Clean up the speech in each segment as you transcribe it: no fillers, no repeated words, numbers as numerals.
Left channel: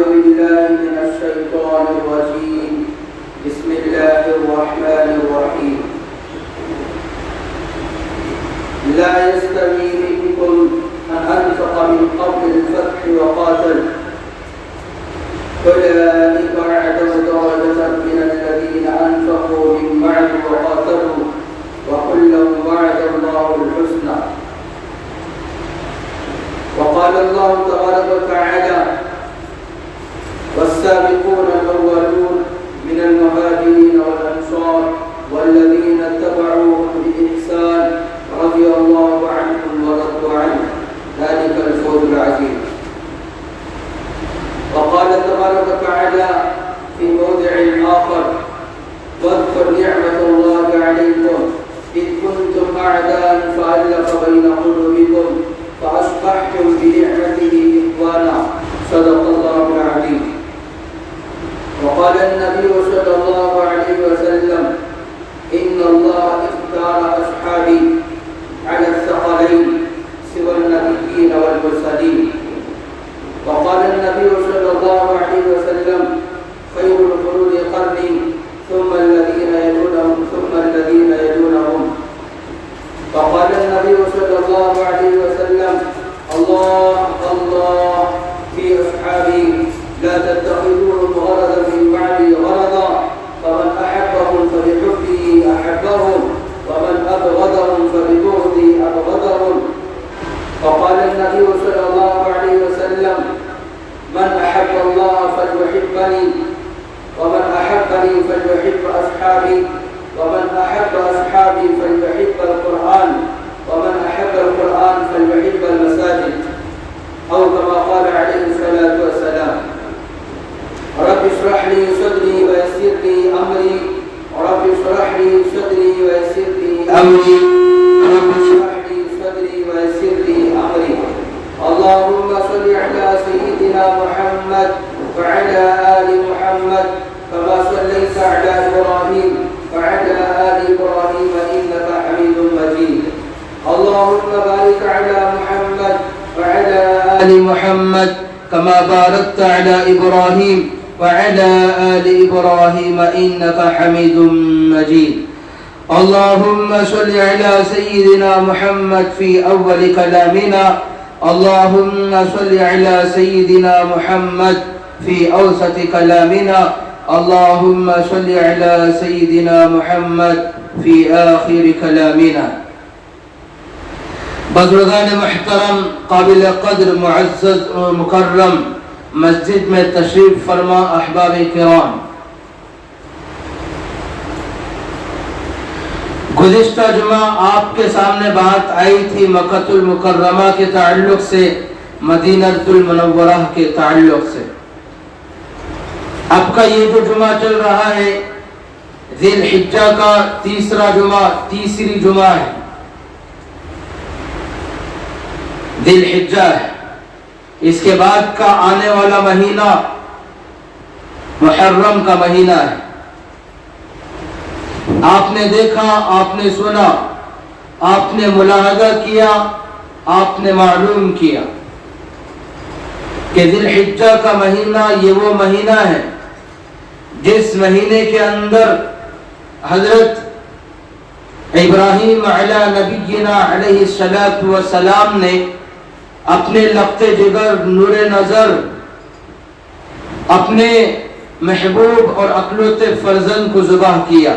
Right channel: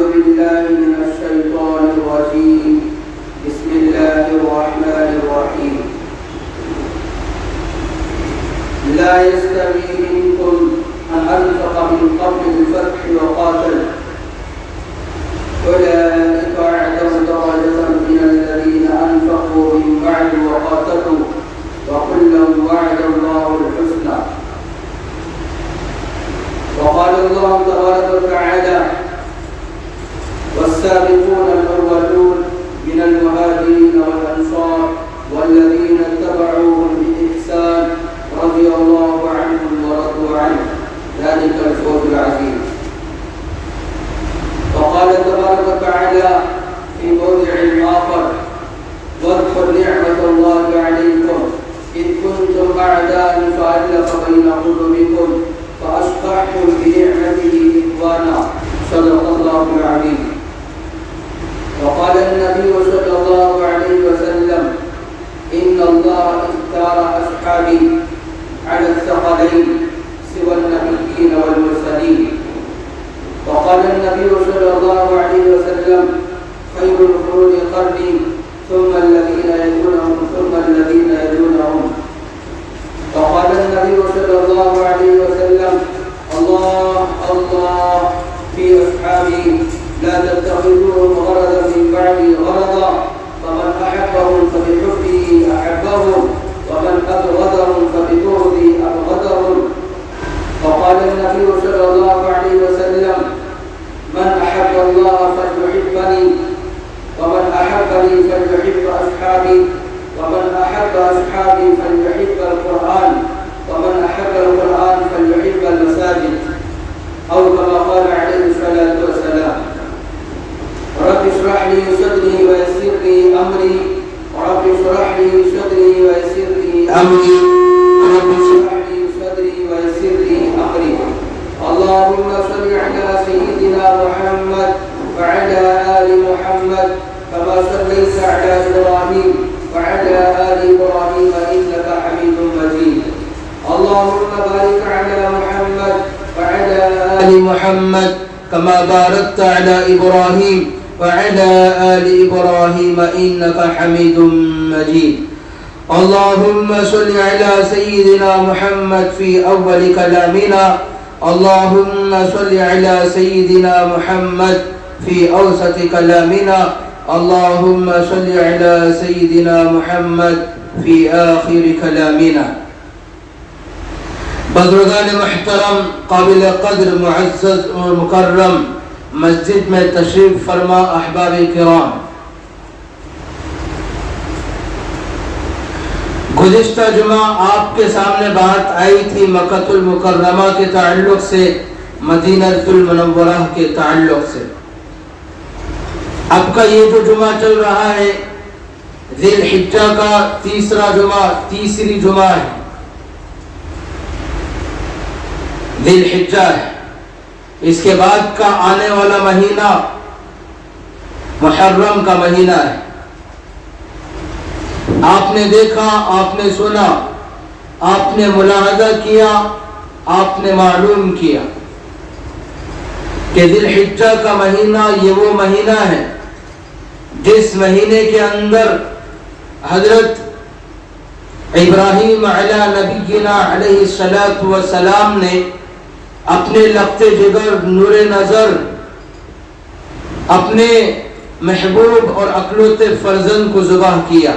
أعوذ بالله من الشيطان الرجيم بسم الله الرحمن الرحيم لا يستوي منكم من أنفق من قبل الفتح وقاتل أولئك أعظم درجة من الذين أنفقوا من بعد وقاتلوا وكلا وعد الله الحسنى. وقال الله تبارك وتعالى والسابقون الأولون من المهاجرين والأنصار والذين اتبعوهم بإحسان رضي الله عنهم ورضوا عنه ذلك الفوز العظيم. وقال تبارك وتعالى في موضع آخر واذكر نعمة الله عليكم إذ كنتم أعداء فألف بين قلوبكم فأصبحتم بنعمته إخوانا صدق الله العظيم. وقال النبي صلى الله عليه وسلم إن الله اختار أصحابي على الثقلين سوى النبيين والمرسلين. وقال النبي صلى الله عليه وسلم خير القرون قرني ثم الذين يلونهم ثم الذين يلونهم. وقال النبي صلى الله عليه وسلم الله الله في أصحابي لا تتخذوهم غرضا من بعدي غرضا فمن أحبهم فبحبه أحبهم ومن أبغضهم فببغضي أبغضهم. وقال النبي صلى الله عليه وسلم من أحب الله فليحبني ومن أحبني فليحب أصحابي ومن أحب أصحابي فليحب القرآن ومن أحب القرآن فليحب المساجد أو كما قال عليه الصلاة والسلام. رب اشرح لي صدري ويسر لي أمري رب اشرح لي صدري ويسر لي أمري رب اشرح لي صدري ويسر لي أمري. اللهم صل على سيدنا محمد وعلى آل محمد كما صليت على إبراهيم وعلى آل إبراهيم إنك حميد مجيد. اللهم بارك على محمد وعلى آل محمد كما باركت على إبراهيم وعلى آل إبراهيم إنك حميد مجيد. اللهم صل على سيدنا محمد في أول كلامنا اللهم صل على سيدنا محمد في أوسط كلامنا اللهم صل على سيدنا محمد في آخر كلامنا. بزرگان محترم قابل قدر معزز اور مکرم مسجد میں تشریف فرما احباب کرام، گزشتہ جمعہ آپ کے سامنے بات آئی تھی مکہ المکرمہ کے تعلق سے، مدینہ المنورہ کے تعلق سے. اب کا یہ جو جمعہ چل رہا ہے ذی الحجہ کا تیسری جمعہ ہے، ذی الحجہ ہے. اس کے بعد کا آنے والا مہینہ محرم کا مہینہ ہے. آپ نے دیکھا، آپ نے سنا، آپ نے ملاحظہ کیا، آپ نے معلوم کیا کہ ذی الحجہ کا مہینہ یہ وہ مہینہ ہے جس مہینے کے اندر حضرت ابراہیم علی نبینا علیہ السلام نے اپنے لقت جگر نور نظر اپنے محبوب اور اقلوت فرزند کو ذبح کیا،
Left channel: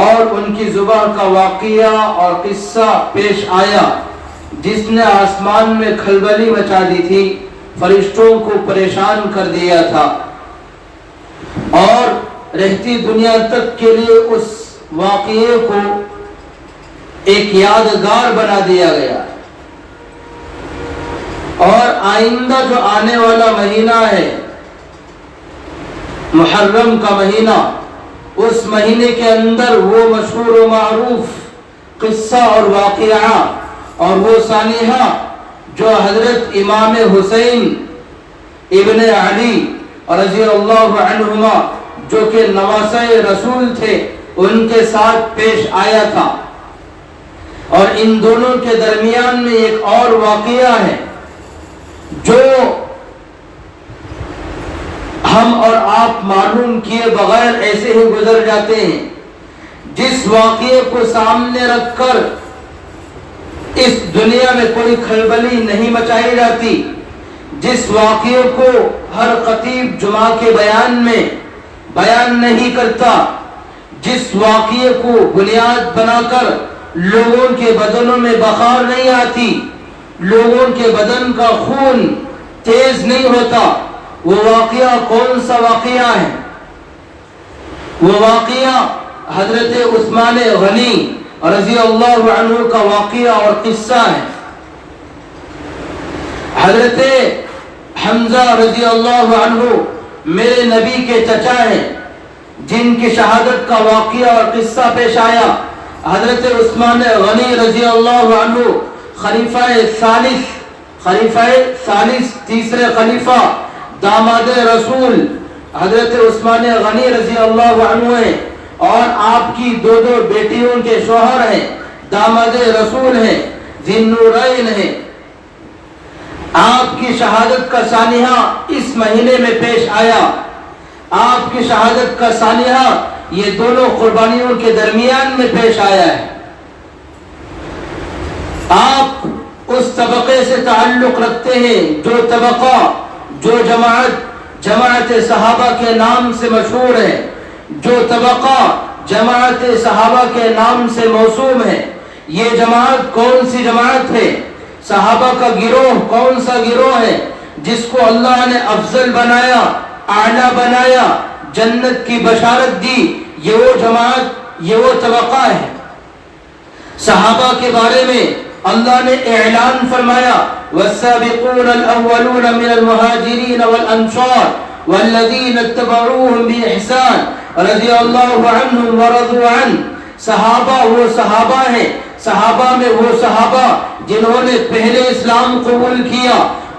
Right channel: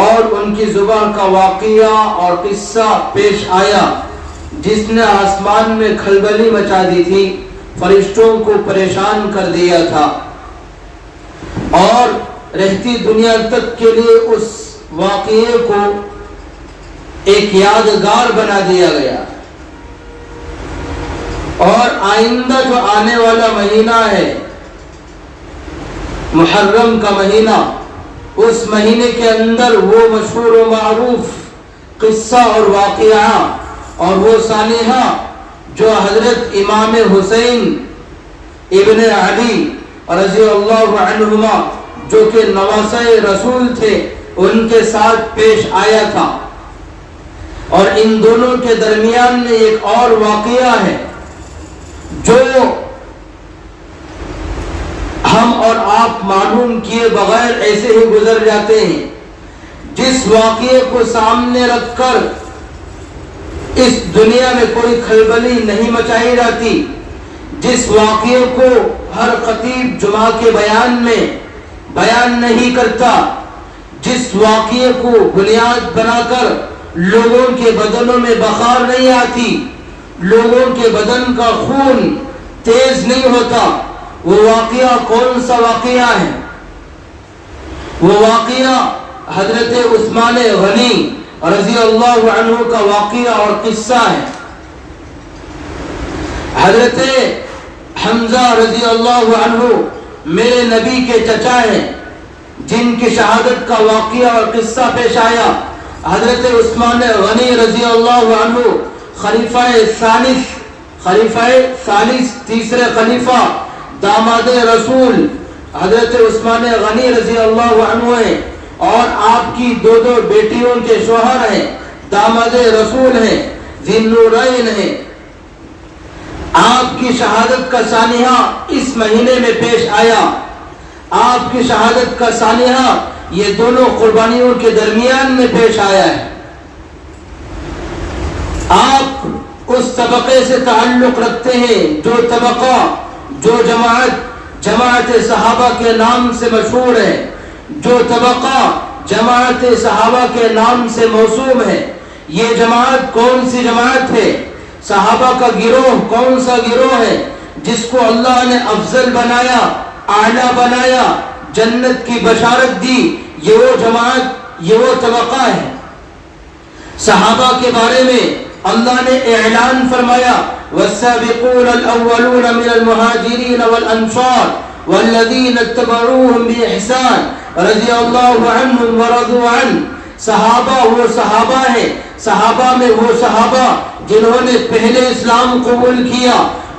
اور ان کی ذبح کا واقعہ اور قصہ پیش آیا جس نے آسمان میں کھلبلی مچا دی تھی، فرشتوں کو پریشان کر دیا تھا، اور رہتی دنیا تک کے لیے اس واقعے کو ایک یادگار بنا دیا گیا. اور آئندہ جو آنے والا مہینہ ہے محرم کا مہینہ، اس مہینے کے اندر وہ مشہور و معروف قصہ اور واقعہ اور وہ سانحہ جو حضرت امام حسین ابن علی رضی اللہ عنہما جو کہ نواسۂ رسول تھے ان کے ساتھ پیش آیا تھا. اور ان دونوں کے درمیان میں ایک اور واقعہ ہے جو آپ معلوم کیے بغیر ایسے ہی گزر جاتے ہیں. جس واقعے کو سامنے رکھ کر اس دنیا میں کوئی کھلبلی نہیں مچائی جاتی، جس واقعے کو ہر خطیب جمعہ کے بیان میں بیان نہیں کرتا، جس واقعے کو بنیاد بنا کر لوگوں کے بدنوں میں بخار نہیں آتی، لوگوں کے بدن کا خون تیز نہیں ہوتا، وہ واقعہ کون سا واقعہ ہے؟ وہ واقعہ حضرت عثمان غنی رضی اللہ عنہ کا واقعہ اور قصہ ہے. حضرت حمزہ رضی اللہ عنہ میرے نبی کے چچا ہیں، جن کی شہادت کا واقعہ اور قصہ پیش آیا. حضرت عثمان غنی رضی اللہ عنہ خلیفہ ثالث تیسرے خلیفہ داماد رسول حضرت عثمان غنی رضی اللہ عنہ ہیں، اور آپ کی دو بیٹیوں کے شوہر ہیں، داماد رسول ہیں، ذی النورین ہیں. آپ کی شہادت کا سانحہ اس مہینے میں پیش آیا. آپ کی شہادت کا سانحہ یہ دونوں قربانیوں کے درمیان میں پیش آیا ہے. آپ اس طبقے سے تعلق رکھتے ہیں جو طبقہ، جو جماعت صحابہ کے نام سے مشہور ہے، جو طبقہ جماعت صحابہ کے نام سے موسوم ہے. یہ جماعت کون سی جماعت ہے؟ صحابہ کا گروہ کون سا گروہ ہے جس کو اللہ نے افضل بنایا، اعلیٰ بنایا، جنت کی بشارت دی؟ یہ وہ جماعت، یہ وہ طبقہ ہے. صحابہ کے بارے میں اللہ نے اعلان فرمایا والسابقون الاولون من المہاجرین والانصار والذین اتبعوهم بإحسان رضی اللہ عنہم ورضوا عنہ. صحابہ وہ صحابہ ہیں، صحابہ میں وہ صحابہ جنہوں نے پہلے اسلام قبول کیا،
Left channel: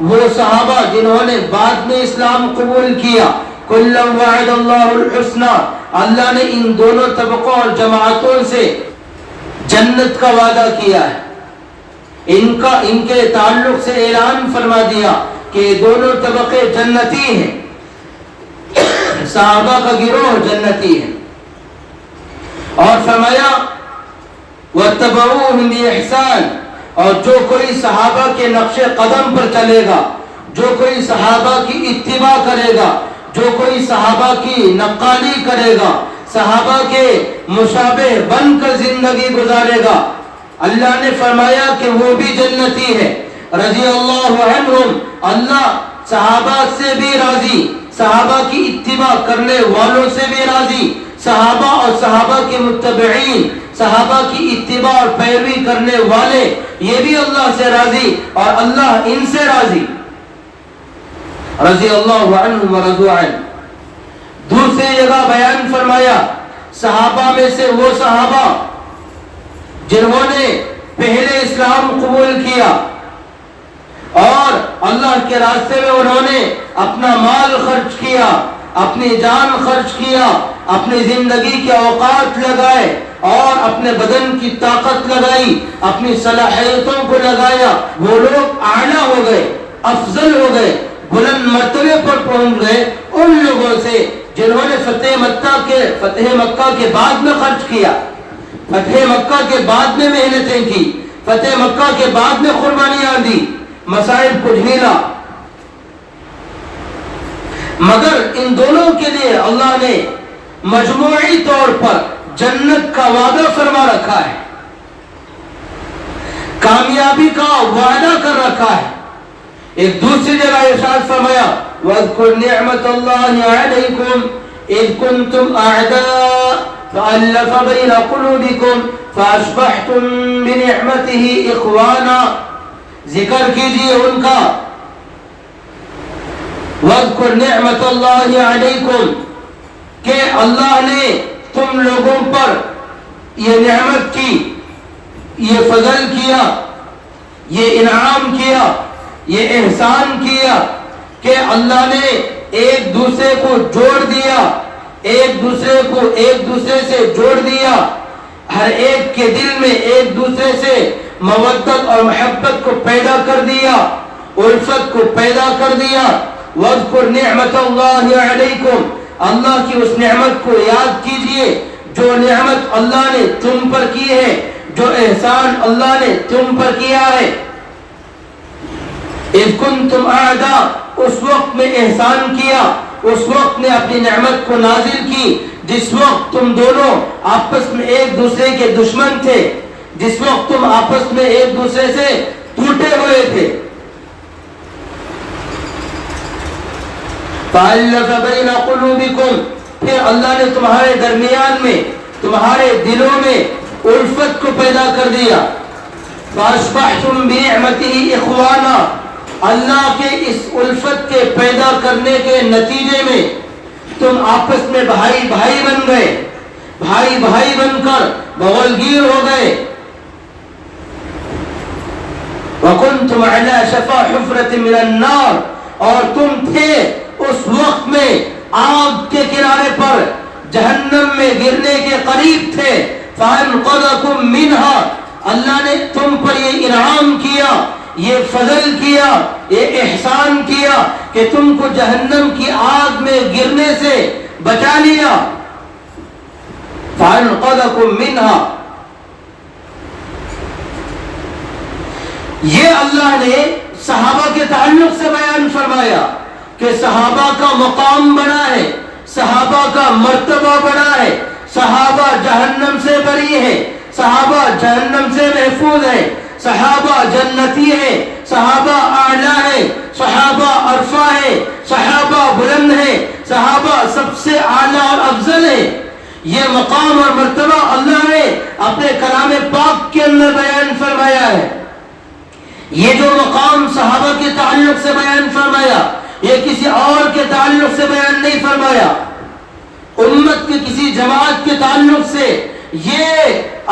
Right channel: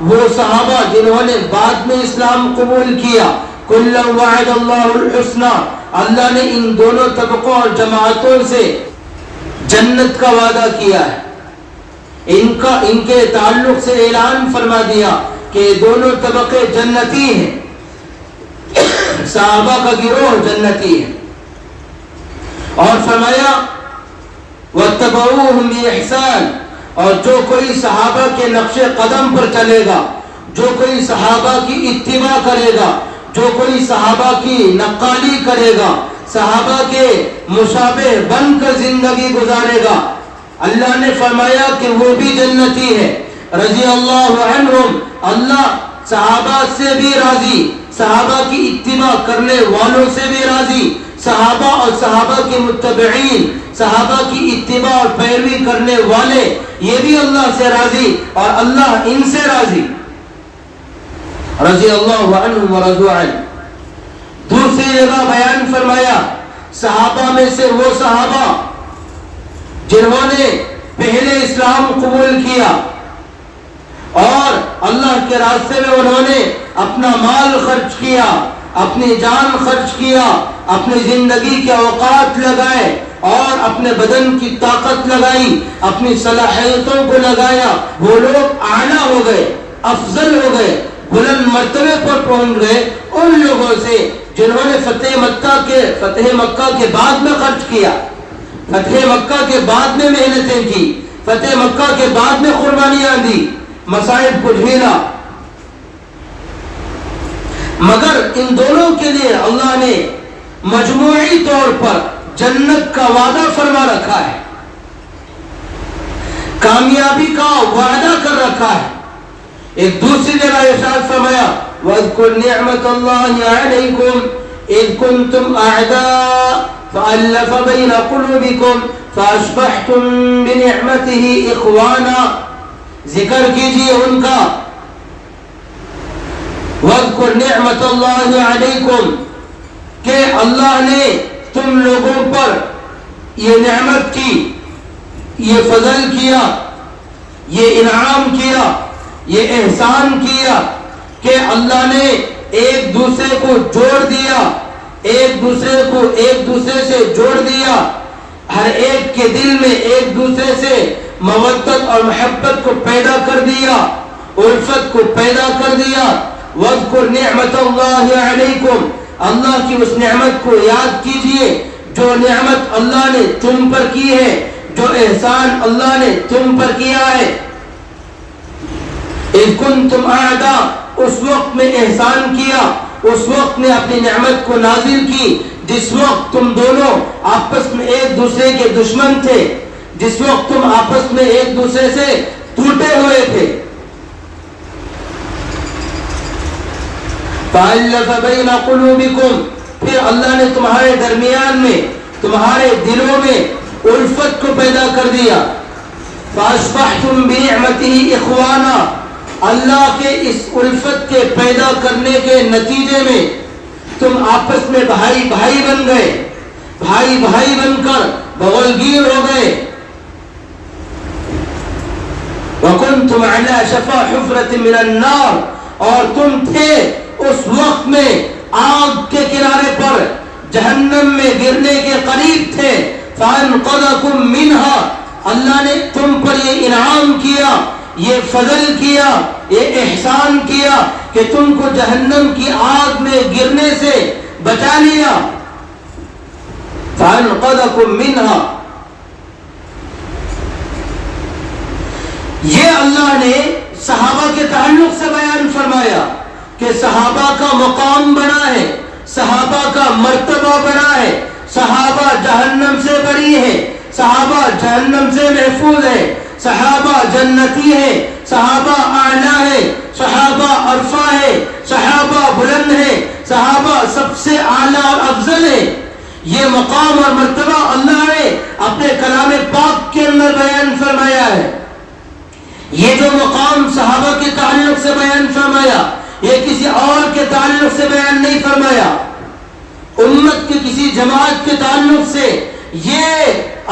وہ صحابہ جنہوں نے بعد میں اسلام قبول کیا. کلا وعد اللہ الحسنى، اللہ نے ان دونوں طبقوں اور جماعتوں سے جنت کا وعدہ کیا ہے. ان کے تعلق سے اعلان فرما دیا کہ دونوں طبقے جنتی ہیں، صحابہ کا گروہ جنتی ہے. اور فرمایا وَاتَّبَعُوهُمْ بِإِحْسَانٍ، اور جو کوئی صحابہ کے نقش قدم پر چلے گا، جو کوئی صحابہ کی اتباع کرے گا، جو کوئی صحابہ کی نقالی کرے گا، صحابہ کے مشابہ بن کر زندگی گزارے گا، اللہ نے فرمایا کہ وہ بھی جنتی ہے. رضی اللہ عنہم، اللہ صحابہ سے بھی راضی، صحابہ کی اتباع کرنے والوں سے بھی راضی، صحابہ اور صحابہ کے متبعین، صحابہ کی اتباع اور پیروی کرنے والے، یہ بھی اللہ سے راضی اور اللہ ان سے راضی. رضی اللہ عنہ ورضوا عنہ. دوسری جگہ بیان فرمایا صحابہ میں سے وہ صحابہ جنہوں نے پہلے اسلام قبول کیا اور اللہ کے راستے میں انہوں نے اپنا مال خرچ کیا، اپنی جان خرچ کیا، اپنی زندگی کے اوقات لگائے اور اپنے بدن کی طاقت لگائی، اپنی صلاحیتوں کو لگایا. وہ لوگ اعلیٰ ہو گئے، افضل ہو گئے، بلند مرتبے پر پہنچ گئے ان لوگوں سے جنہوں نے فتح مکہ کے بعد میں خرچ کیا، فتح مکہ کے بعد میں محنتیں کی، فتح مکہ کے بعد میں قربانیاں دی، مصائب کو جھیلا. مگر ان دونوں کے لیے اللہ نے مجموعی طور پر جنت کا وعدہ فرما رکھا ہے، کامیابی کا وعدہ کر رکھا ہے. ایک دوسری جگہ ارشاد فرمایا وَاذْكُرْ نِعْمَةَ اللَّهِ عَلَيْكُمْ إِذْ كُنْتُمْ أَعْدَاءً فَأَلَّفَ بَيْنَ قُلُوبِكُمْ فَأَصْبَحْتُمْ بِنِعْمَتِهِ إِخْوَانًا. ذکر کیجیے ان کا. وَاذْكُرْ نِعْمَةَ اللَّهِ عَلَيْكُمْ، کہ اللہ نے تم لوگوں پر یہ نعمت کی، یہ فضل کیا، یہ انعام کیا، یہ احسان کیا کہ اللہ نے ایک دوسرے کو جوڑ دیا، ایک دوسرے سے جوڑ دیا، ہر ایک کے دل میں ایک دوسرے سے مودت اور محبت کو پیدا کر دیا، الفت کو پیدا کر دیا. وَاذْكُرْ نِعْمَةَ اللَّهِ عَلَيْكُمْ، اللہ کی اس نعمت کو یاد کیجئے جو نعمت اللہ نے تم پر کی ہے، جو احسان اللہ نے تم پر کیا ہے۔ اذ کنتم اعداء، اس وقت میں احسان کیا، اس وقت نے اپنی نعمت کو نازل کی جس وقت تم دونوں آپس میں ایک دوسرے کے دشمن تھے، جس وقت تم آپس میں ایک دوسرے سے ٹوٹے ہوئے تھے۔ فَأَلَّفَ بَيْنَ قُلُوبِكُمْ، پھر اللہ نے تمہارے درمیان میں، تمہارے دلوں میں الفت کو پیدا کر دیا۔ فَأَصْبَحْتُمْ بِنِعْمَتِهِ إِخْوَانًا، اللہ کے اس الفت کے پیدا کرنے کے نتیجے میں تم آپس میں بھائی بھائی بن گئے، بھائی بھائی بن کر بغلگیر ہو گئے۔ وَكُنْتُمْ عَلَى شَفَا حُفْرَةٍ مِّنَ النَّارِ، اور تم تھے اس وقت میں آگ کے کنارے پر، جہنم میں گرنے کے قریب تھے۔ فَأَنْقَذَكُمْ مِنْهَا، اللہ نے تم پر یہ انعام کیا، یہ فضل کیا، یہ احسان کیا کہ تم کو جہنم کی آگ میں گرنے سے بچا لیا۔ فَأَنْقَذَكُمْ مِنْهَا، یہ اللہ نے صحابہ کے تعلق سے بیان فرمایا کہ صحابہ کا مقام بڑا ہے، صحابہ کا مرتبہ بڑا ہے، صحابہ جہنم سے بری ہے، صحابہ جہنم سے محفوظ ہے، صحابہ جنتی ہے، صحابہ اعلیٰ ہے، صحابہ عرفہ ہے، صحابہ بلند ہے، صحابہ سب سے اعلیٰ اور افضل ہے۔ یہ مقام اور مرتبہ اللہ نے اپنے کلام پاک کے اندر بیان فرمایا ہے۔ یہ جو مقام صحابہ کے تعلق سے بیان فرمایا، یہ کسی اور کے تعلق سے بیان نہیں فرمایا، امت کے کسی جماعت کے تعلق سے یہ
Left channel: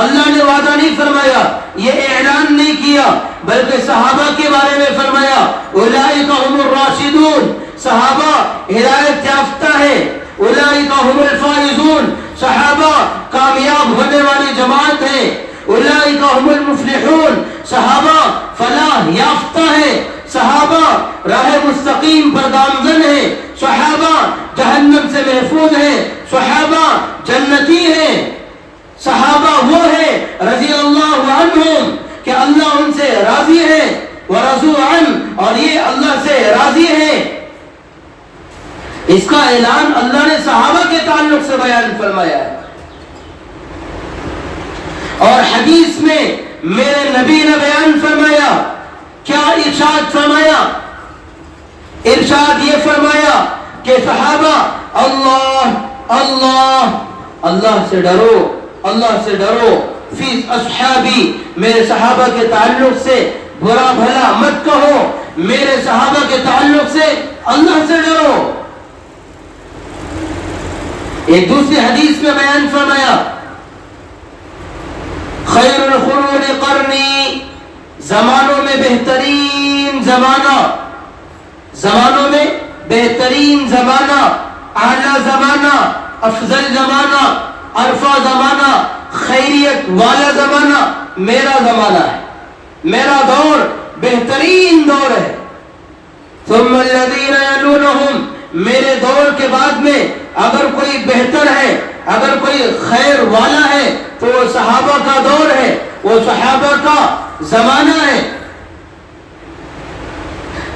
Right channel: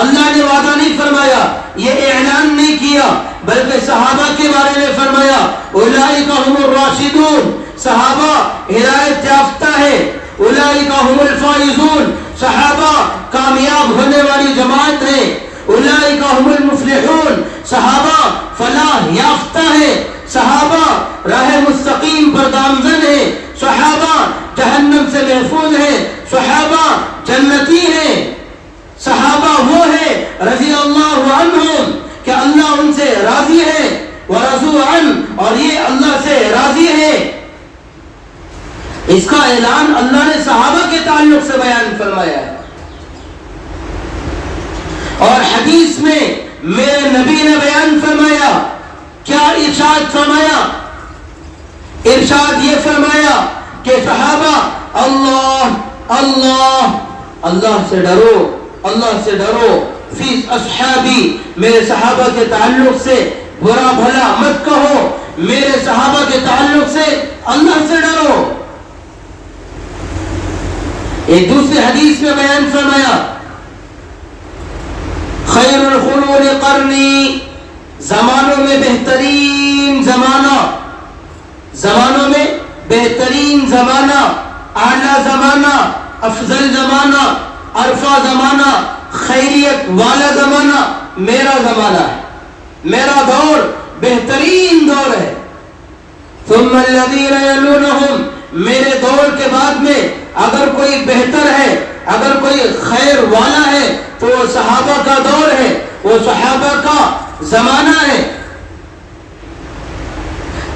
اللہ نے وعدہ نہیں فرمایا، یہ اعلان نہیں کیا، بلکہ صحابہ کے بارے میں فرمایا اولئک هم الراشدون، صحابہ ہدایت یافتہ ہے، اولئک هم الفائزون، صحابہ کامیاب ہونے والی جماعت ہے، اولئک هم المفلحون، صحابہ فلاح یافتہ ہے، صحابہ راہ مستقیم پر گامزن ہے، صحابہ جہنم سے محفوظ ہے، صحابہ جنتی ہیں، صحابہ وہ ہے رضی اللہ عنہم کہ اللہ ان سے راضی ہے، ورضوا عنہ، اور یہ اللہ سے راضی ہے۔ اس کا اعلان اللہ نے صحابہ کے تعلق سے بیان فرمایا ہے۔ اور حدیث میں میرے نبی نے بیان فرمایا، کیا ارشاد فرمایا؟ ارشاد یہ فرمایا کہ صحابہ اللہ اللہ اللہ سے ڈرو، اللہ سے ڈرو، فی اصحابی، میرے صحابہ کے تعلق سے برا بھلا مت کہو، میرے صحابہ کے تعلق سے اللہ سے ڈرو۔ ایک دوسری حدیث میں بیان فرمایا خیر القرون قرنی، زمانوں میں بہترین زمانہ، زمانوں میں بہترین زمانہ، اعلیٰ زمانہ، افضل زمانہ، عرفہ زمانہ، خیریت والا زمانہ میرا زمانہ ہے، میرا دور بہترین دور ہے۔ ثم الذین یلونہم، میرے دور کے بعد میں اگر کوئی بہتر ہے، اگر کوئی خیر والا ہے تو وہ صحابہ کا دور ہے، وہ صحابہ کا زمانہ ہے۔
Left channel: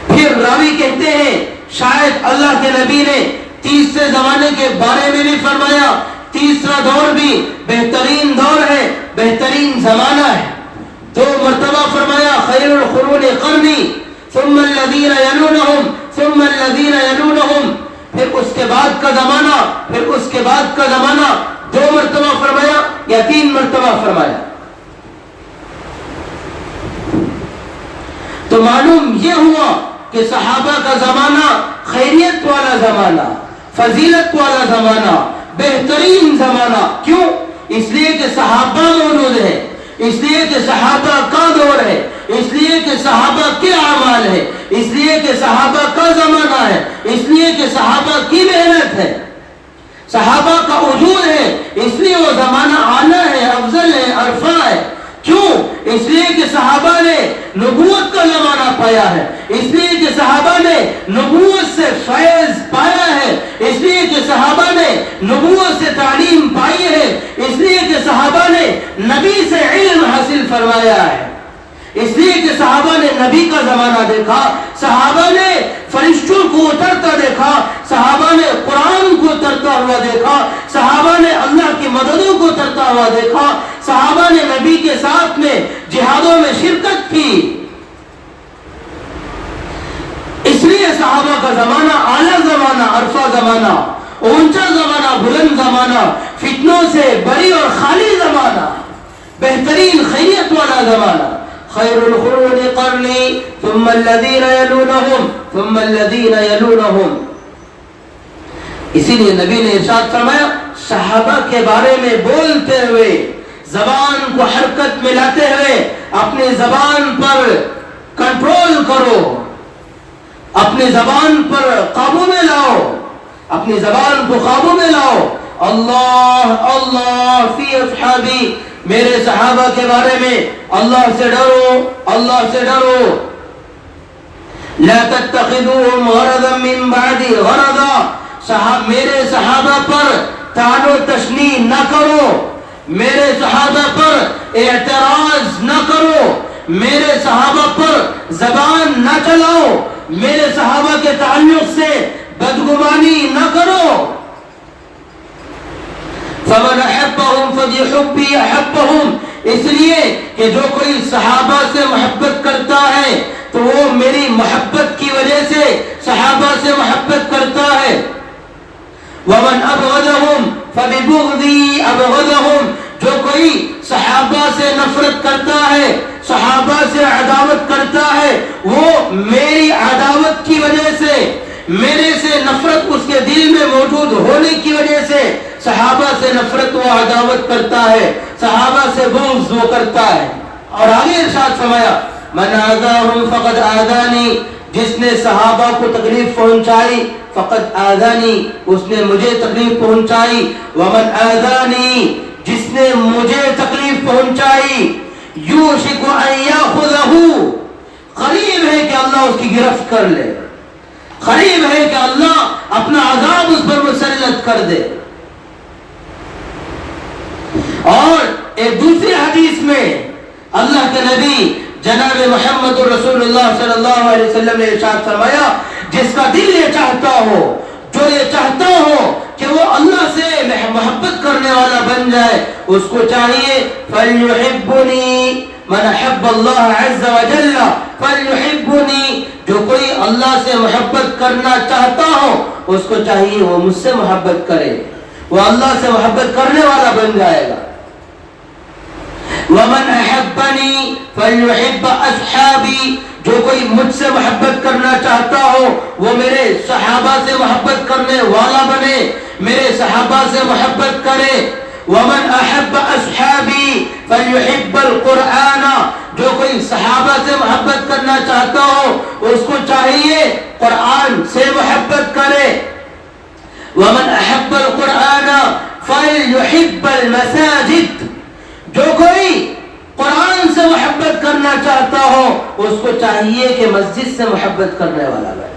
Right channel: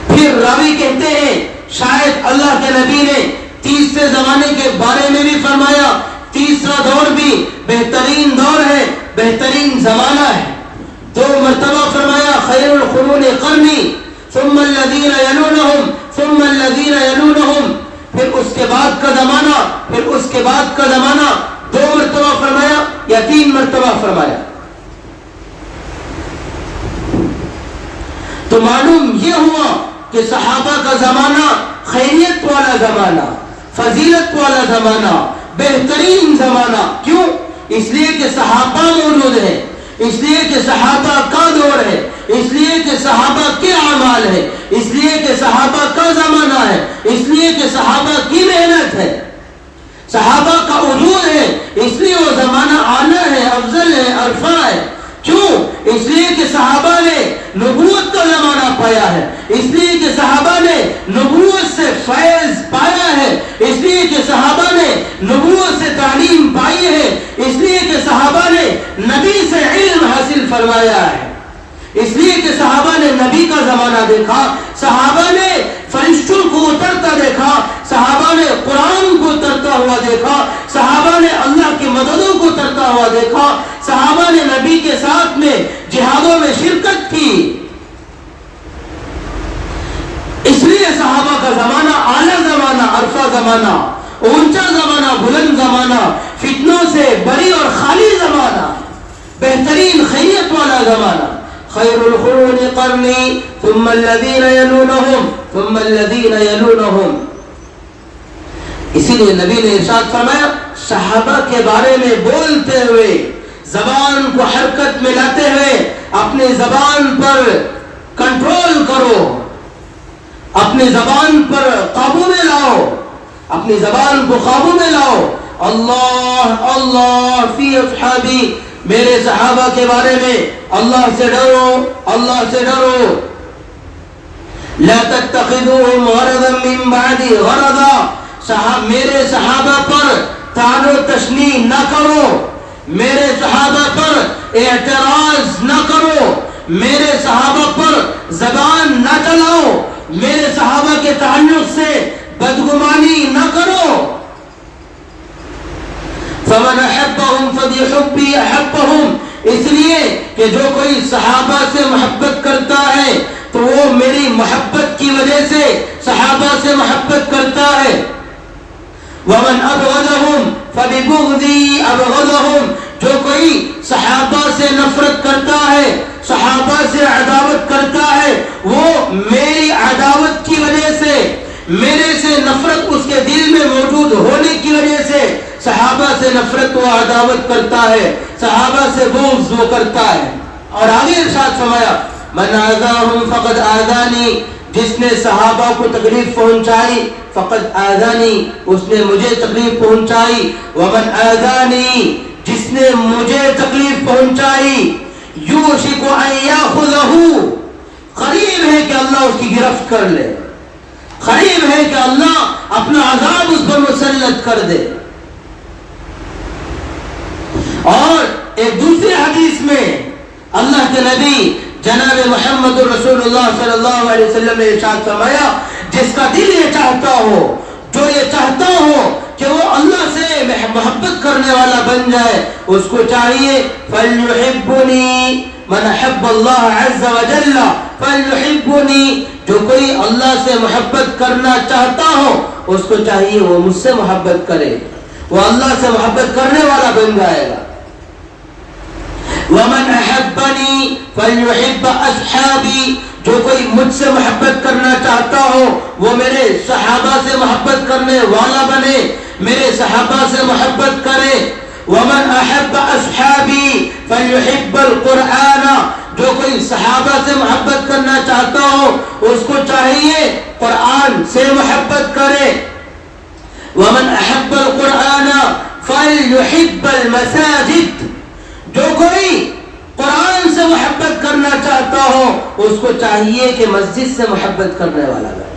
پھر راوی کہتے ہیں شاید اللہ کے نبی نے تیسرے زمانے کے بارے میں بھی فرمایا، تیسرا دور بھی بہترین دور ہے، بہترین زمانہ ہے۔ دو مرتبہ فرمایا خیر القرون قرنی، ثم الذین یلونہم، ثم الذین یلونہم، پھر اس کے بعد کا زمانہ، پھر اس کے بعد کا زمانہ، دو مرتبہ فرمایا یا تین مرتبہ فرمایا؟ تو معلوم یہ ہوا کہ صحابہ کا زمانہ خیریت والا زمانہ، فضیلت والا زمانہ، بہترین زمانہ۔ کیوں؟ اس لیے کہ صحابہ موجود ہے، اس لیے کہ صحابہ کا دور ہے، اس لیے کہ صحابہ کے اعمال ہے، اس لیے کہ صحابہ کا زمانہ ہے، اس لیے کہ صحابہ کی محنت ہے، صحابہ کا وجود ہے، اس لیے وہ زمانہ اعلیٰ ہے، افضل ہے، عرفہ ہے۔ کیوں؟ اس لیے کہ صحابہ نے نبوت کا زمانہ پایا ہے، اس لیے کہ صحابہ نے نبوت سے فیض پایا ہے، اس لیے کہ صحابہ کرتا دیکھا, صحابہ نے قرآن کو ترتا ہوا دیکھا, صحابہ نے اللہ کی مددوں کو ترتا ہوا دیکھا, صحابہ نے نبی کے ساتھ میں جہادوں میں شرکت کی. اس لیے صحابہ کا زمانہ اعلیٰ زمانہ, عرفہ زمانہ, اونچا زمانہ, بلند زمانہ, فتنوں سے بری اور خالی زمانہ, بہترین خیریت والا زمانہ. خیر القرون قرنی ثم الذین یلونہم ثم الذین یلونہم. اسی لیے نبی نے ارشاد فرمایا, صحابہ کے بارے میں بولتے ہوئے, زبان کو حرکت میں لاتے ہوئے اپنی زبان پر کنٹرول کرو, اپنی زبان پر قابو میں لاؤ, اپنی زبان کو قابو میں لاؤ. اللہ اللہ فی اصحابی, میرے صحابہ کے بارے میں اللہ سے ڈرو, اللہ سے ڈرو. لا تتخذوهم غرضا من بعدی غرضا, میرے صحابہ پر طعن و تشنیع نہ کرو, میرے صحابہ پر اعتراض نہ کرو, میرے صحابہ پر زبان نہ چلاؤ, میرے صحابہ کے تعلق سے بدگمانی نہ کرو. فمن احبهم فبحبی احبهم, اس لیے کہ جو کوئی صحابہ سے محبت کرتا ہے تو وہ میری محبت کی وجہ سے صحابہ سے محبت کرتا ہے. ومن ابغضهم فببغضی ابغضهم, جو کوئی صحابہ سے نفرت کرتا ہے, صحابہ سے عداوت کرتا ہے, وہ میری عداوت کی وجہ سے, میرے سے نفرت اس کے دل میں موجود ہونے کی وجہ سے صحابہ سے نفرت و عداوت کرتا ہے, صحابہ سے بغض وہ کرتا ہے. اور آگے ارشاد فرمایا, من آذاہم فقد آذانی, جس نے صحابہ کو تکلیف پہنچائی فقد آذانی, اس نے مجھے تکلیف پہنچائی. ومن آذانی, جس نے مجھے تکلیف پہنچائی, یوشک ان یاخذہ, قریب ہے کہ اللہ اس کی گرفت کر لے, قریب ہے کہ اللہ اپنا عذاب اس پر مسلط کر دے. اور ایک دوسری حدیث میں اللہ کے نبی جناب محمد رسول اللہ صلی اللہ علیہ وسلم نے ارشاد فرمایا, جس کا دل یہ چاہتا ہو, جو یہ چاہتا ہو کہ وہ اللہ سے محبت کرنے والا بن جائے, اس کو چاہیے فَلْيُحِبُّنِي مَنْ حَبَّ اللَّهَ عَزَّ وَجَلَّ فَلْيُحِبُّنِي, جو کوئی اللہ سے محبت کرنا چاہتا ہو اس کو چاہیے وہ مجھ سے محبت کرے, وہ اللہ سے محبت کرنے والا بن جائے گا. وَمَنْ أَحَبَّنِي فَلْيُحِبَّ أَصْحَابِي, جو کوئی مجھ سے محبت کرنا چاہتا ہو وہ میرے صحابہ سے محبت کرنے والا بنے, میرے صحابہ سے محبت کرے. وَمَنْ أَحَبَّ أَصْحَابِي فَلْيُحِبَّ الْقُرْآنَ, جو کوئی صحابہ سے محبت کرنا چاہتا ہو اس کو چاہیے قرآن سے محبت کرے. وَمَنْ أَحَبَّ الْقُرْآنَ فَلْيُحِبَّ الْمَسَاجِدِ, جو کوئی قرآن سے محبت کرنا چاہتا ہو اس کو چاہیے کہ مسجد سے محبت کرنے والا بنے,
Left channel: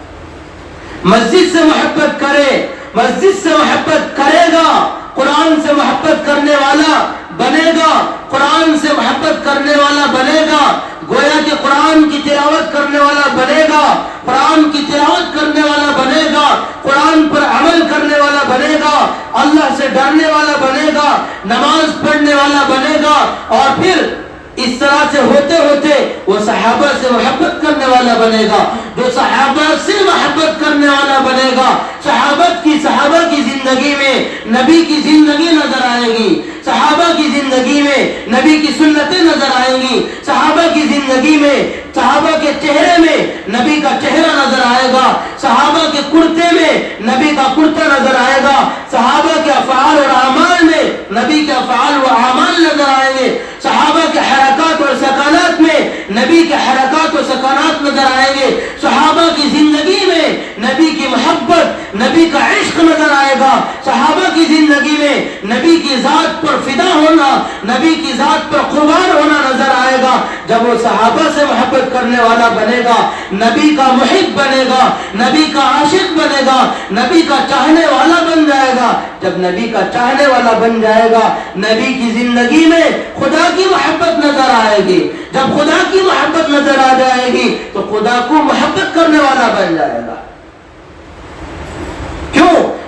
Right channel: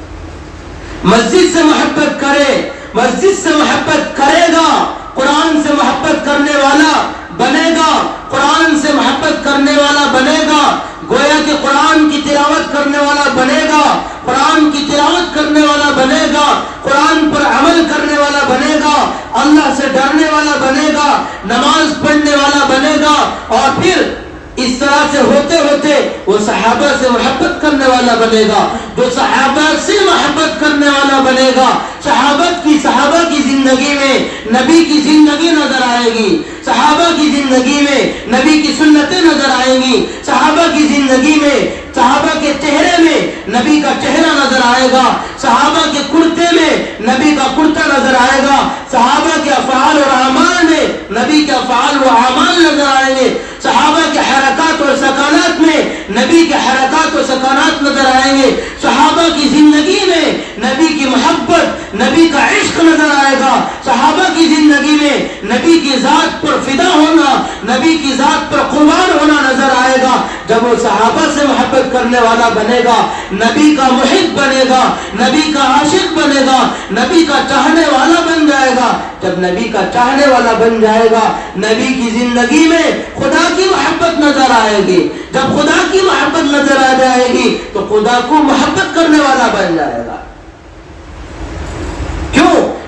مسجد سے محبت کرے, مسجد سے محبت کرے گا قرآن سے محبت کرنے والا بنے گا, قرآن سے محبت کرنے والا بنے گا, گویا کہ قرآن کی تلاوت کرنے والا بنے گا, قرآن کی تلاوت کرنے والا بنے گا, قرآن پر عمل کرنے والا بنے گا, اللہ سے ڈرنے والا بنے گا, نماز پڑھنے والا بنے گا. اور پھر اس طرح سے ہوتے ہوتے وہ صحابہ سے محبت کرنے والا بنے گا, جو صحابہ سے محبت کرنے والا بنے گا. صحابہ کی زندگی میں نبی کی زندگی نظر آئے گی, صحابہ کی زندگی میں نبی کی سنتیں نظر آئیں گی, صحابہ کی زندگی میں صحابہ کے چہرے میں نبی کا چہرہ نظر آئے گا, صحابہ کے کرتے میں نبی کا کرتا نظر آئے گا, صحابہ کے افعال اور اعمال میں نبی کے افعال و اعمال نظر آئیں گے, صحابہ کے حرکات اور سکانات میں نبی کے حرکات و سکانات نظر آئیں گے, صحابہ کی زندگی میں نبی کی محبت, نبی کا عشق نظر آئے گا, صحابہ کی زندگی میں نبی کی ذات پر فدا ہونا, نبی کی ذات پر قربان ہونا نظر آئے گا. جب وہ صحابہ سے محبت کرنے والا بنے گا, نبی کا محب بنے گا, نبی کا عاشق بنے گا, نبی کا چاہنے والا بن جائے گا. جب نبی کا چاہنے والا بن جائے گا, نبی کی زندگی میں خدا کی محبت نظر آئے گی. جب خدا کی محبت نظر آ جائے گی تو خدا کو محبت کرنے والا بن جائے گا.